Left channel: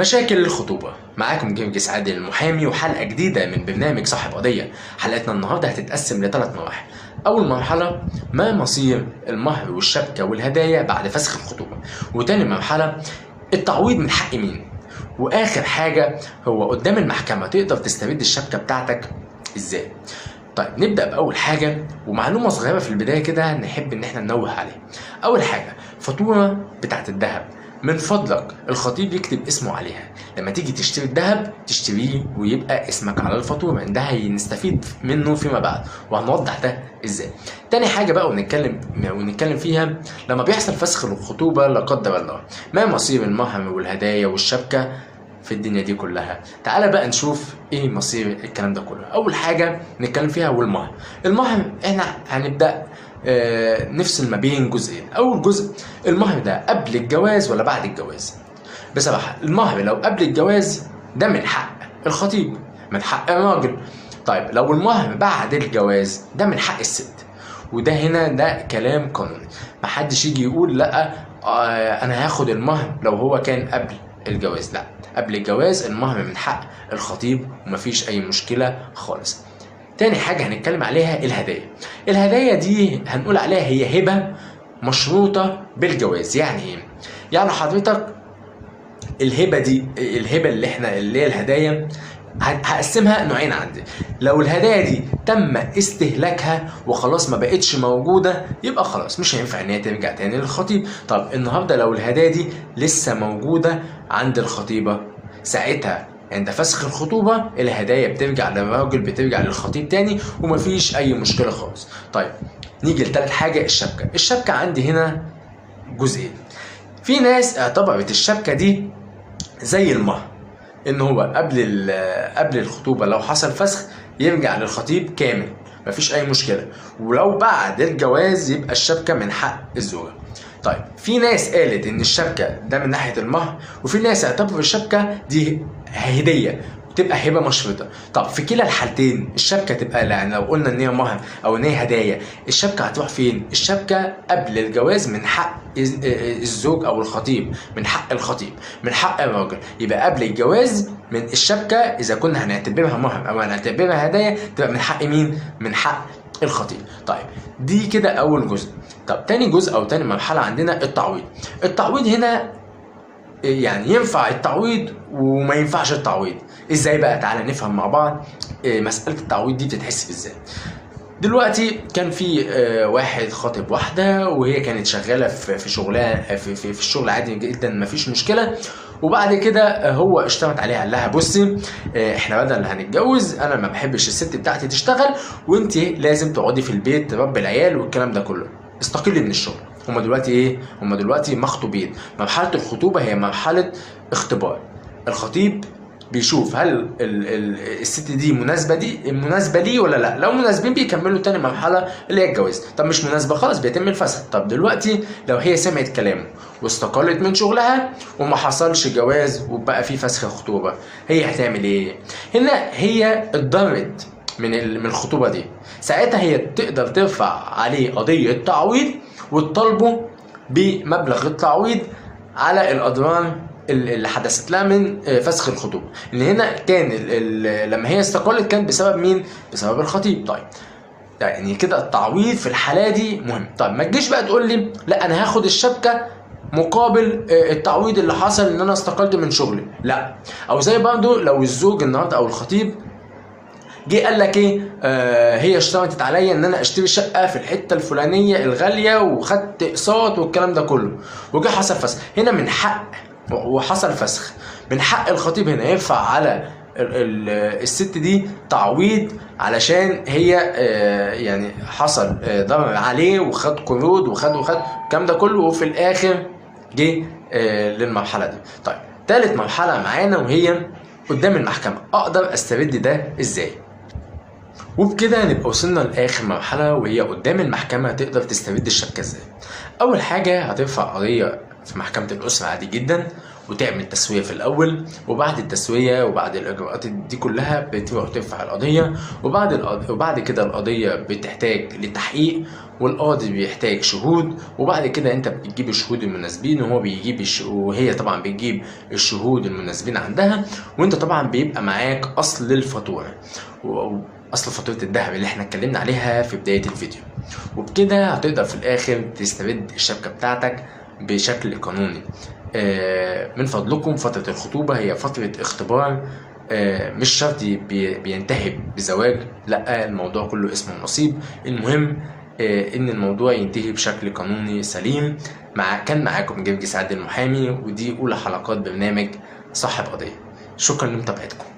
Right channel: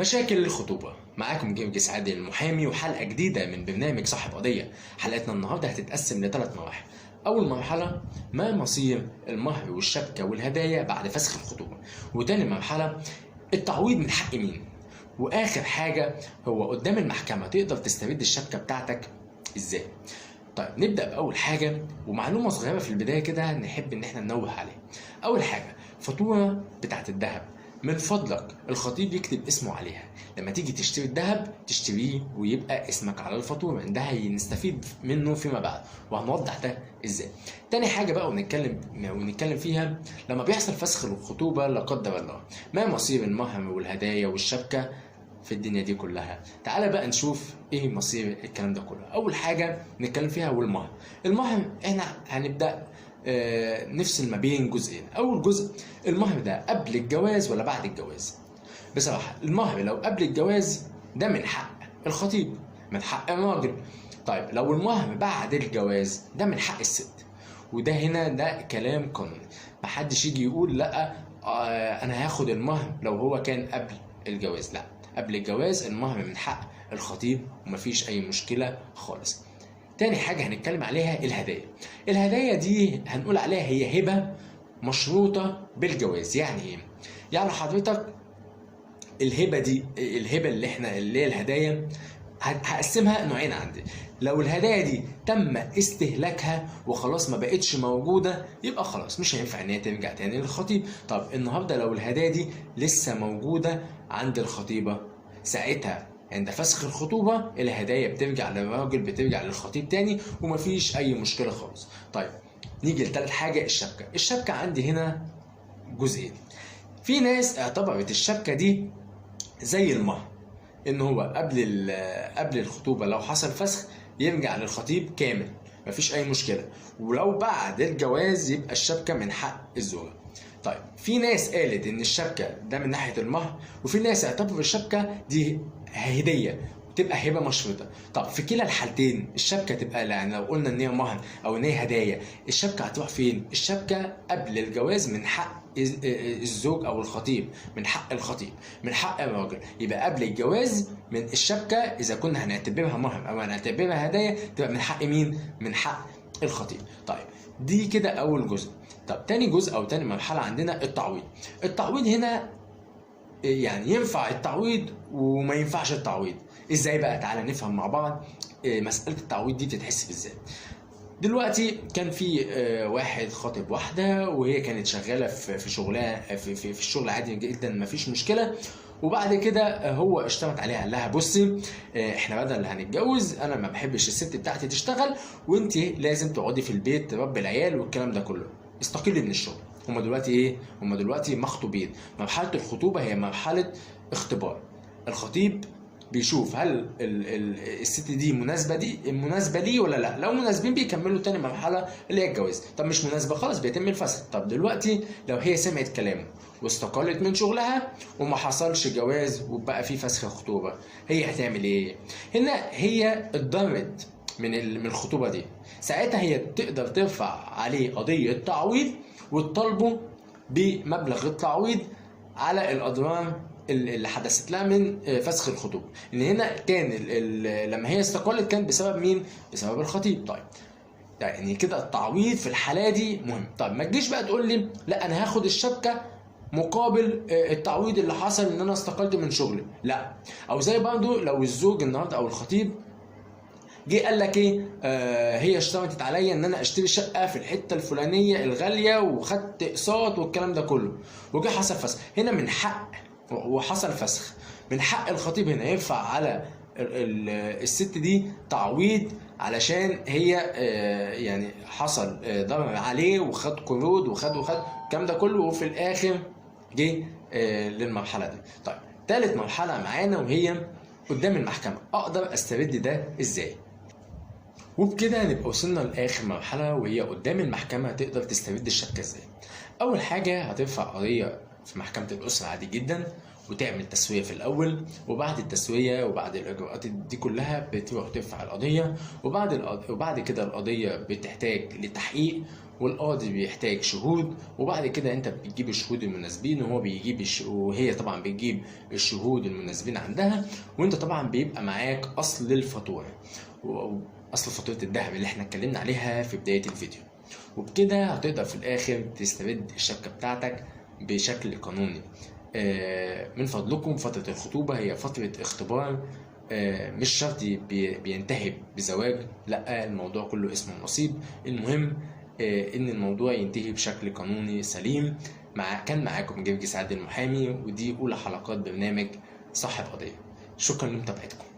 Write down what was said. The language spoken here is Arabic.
مشاكل الخطوبة. معاكم جرجس عادل المحامي وحلقة جديدة من برنامج صاحب قضية. حلقتنا النهاردة هتتقسم ل3 مراحل. أول مرحلة ما مصير المهر والشبكة والهدايا بعد فسخ الخطوبة، وتاني مرحلة التعويض من حق مين، وآخر حاجة هو قدام المحكمة تقدر تسترد الشبكة بتاعتك إزاي. طيب نبدأ بأول حاجة، ومعلومة صغيرة في البداية كده نحب إن احنا ننوه عليها. أول حاجة فاتورة بتاعت الذهب، من فضلك الخطيب يكتب اسمه عليها. لما تيجي تشتري الذهب تشتريه ويبقى اسمك على الفاتورة، ده هنستفيد منه فيما بعد وهنوضح ده ازاي. تاني حاجة بقى ونتكلم فيها، لما بيحصل فسخ الخطوبة لا قدر الله، ما مصير المهر والهدايا والشبكة في الدنيا دي كلها. تعالى بقى نشوف ايه مصير الكلام ده كله. اول حاجة نتكلم فيها هو المهر. المهر احنا هنبدأ نفصل ما بين جزئين. اول جزء، المهر ده قبل الجواز ولا بعد الجواز؟ بصراحة المهر لو قبل الجواز ده من حق الخطيب، من حق الراجل. طيب لو المهر بعد الجواز ده من حق الست، وده هنا ده كلام قانوني. محدش يجي يقول لا انا هاخد المهر لو هو كان قبل الجواز. لا، قبل الجواز المهر من حق الخطيب ومفيش اي مشكلة خالص. تاني حاجة هنتكلم عليها الهدايا. الهدايا دي هنقول عليها هي هبة مشروطة بالجواز. يعني ايه؟ يعني حضرتك الهبة دي، الهبة اللي هي الهدايا، هقسمها نوعين عندي. لو الهدايا دي تم استهلاكها وخلاص ما بقتش موجودة، يبقى خلاص مش هينفع ان هي ترجع تاني للخطيب. طب النهارده لو الهدايا دي لسه موجودة عند الخطيبة، ساعتها عند فسخ الخطوبة الهدايا بترجع للراجل، بترجع للخطيب تاني ومفيش أي مشكلة خالص. طيب نيجي لتالت حاجة، الشبكة. الشبكة عندي هنا جزئين. في ناس اعتبرت الشبكة دي زي المهر، إن هو قبل الخطوبة لو حصل فسخ يرجع للخطيب كامل مفيش أي مشكلة، ولو بعد الجواز يبقى الشبكة من حق الزوجة. طيب في ناس قالت ان الشبكه ده من ناحيه المهر، وفي ناس اعتبروا الشبكه دي هديه تبقى هبه مشروطه. طب في كلا الحالتين الشبكه تبقى، يعني لو قلنا ان هي مهر او ان هي هدايا، الشبكه هتروح فين؟ الشبكه قبل الجواز من حق الزوج او الخطيب، من حق الخطيب، من حق الراجل. يبقى قبل الجواز من الشبكه اذا كنا هنعتبرها مهر او هنعتبرها هدايا تبقى من حق مين؟ من حق الخطيب. طيب دي كده اول جزء. طب تاني جزء او تاني مرحله عندنا التعويض. التعويض هنا يعني ينفع التعويض وما ينفعش التعويض. ازاي بقى؟ تعالى نفهم مع بعض مساله التعويض دي بتتحسب ازاي. دلوقتي كان في واحد خاطب واحده وهي كانت شغاله في شغلها في الشغل عادي جدا مفيش مشكله، وبعد كده هو اشترط عليها، قال لها بصي احنا بدل هنتجوز انا ما بحبش الست بتاعتي تشتغل، وانت لازم تقعدي في البيت تربي العيال والكلام ده كله، استقلي من الشغل. هما دلوقتي ايه؟ هما دلوقتي مخطوبين. مرحله الخطوبه هي مرحله اختبار. الخطيب بيشوف هل الست دي مناسبه ليه ولا لا. لو مناسبين بيكملوا تاني مرحله اللي هي الجواز. طب مش مناسبه خلاص بيتم الفسخ. طب دلوقتي لو هي سمعت كلامه واستقلت من شغلها وما حصلش جواز وبقى في فسخ خطوبه، هي هتعمل ايه؟ هنا هي اتضرت من الخطوبه دي، ساعتها هي تقدر ترفع عليه قضيه تعويض وتطالبه بمبلغ التعويض على الاضرار اللي حدثت لها من فسخ الخطوبه. ان هنا كان لما هي استقلت كان بسبب مين؟ بسبب الخطيب. طيب يعني كده التعويض في الحاله دي مهم. طيب ما تجيش بقى تقول لي لا انا هاخد الشبكه مقابل التعويض اللي حصل ان انا استقلت من شغلي. لا، او زي برضه لو الزوج النهارده او الخطيب جه قال لك ايه، هي اشترطت عليا ان انا اشتري شقه في الحته الفلانيه الغاليه وخدت اقساط والكلام ده كله، وجه حصل فسخ. هنا من حق، وحصل فسخ، من حق الخطيب هنا يرفع على الست دي تعويض علشان هي يعني حصل ضرر عليه وخد قروض وخد الكلام ده كله، وفي الاخر جه للمرحله دي. طيب ثالث مرحله معانا وهي قدام المحكمه. اقدر استرد ده ازاي؟ وبكده نبقى وصلنا لاخر مرحله وهي قدام المحكمه تقدر تسترد الشبكه ازاي. اول حاجه هترفع قضيه في محكمه الاسره عادي جدا، وتعمل تسوية في الأول، وبعد التسوية وبعد الإجراءات دي كلها بتروح ترفع القضية، وبعد كده القضية بتحتاج لتحقيق، والقاضي بيحتاج شهود، وبعد كده انت بتجيب الشهود المناسبين وهو بيجيب وهي طبعا بتجيب الشهود المناسبين عندها، وانت طبعا بيبقى معاك اصل الفاتورة، اصل فاتورة الذهب اللي احنا اتكلمنا عليها في بداية الفيديو. وبكده هتقدر في الاخر تسترد الشبكة بتاعتك بشكل قانوني. من فضلكم فترة الخطوبة هي فترة اختبار، مش شرط بينتهي بزواج، لا الموضوع كله اسمه نصيب. المهم ان الموضوع ينتهي بشكل قانوني سليم. كان معاكم جرجس عادل المحامي، ودي اولى حلقات برنامج صاحب قضية. شكرا لمتابعتكم.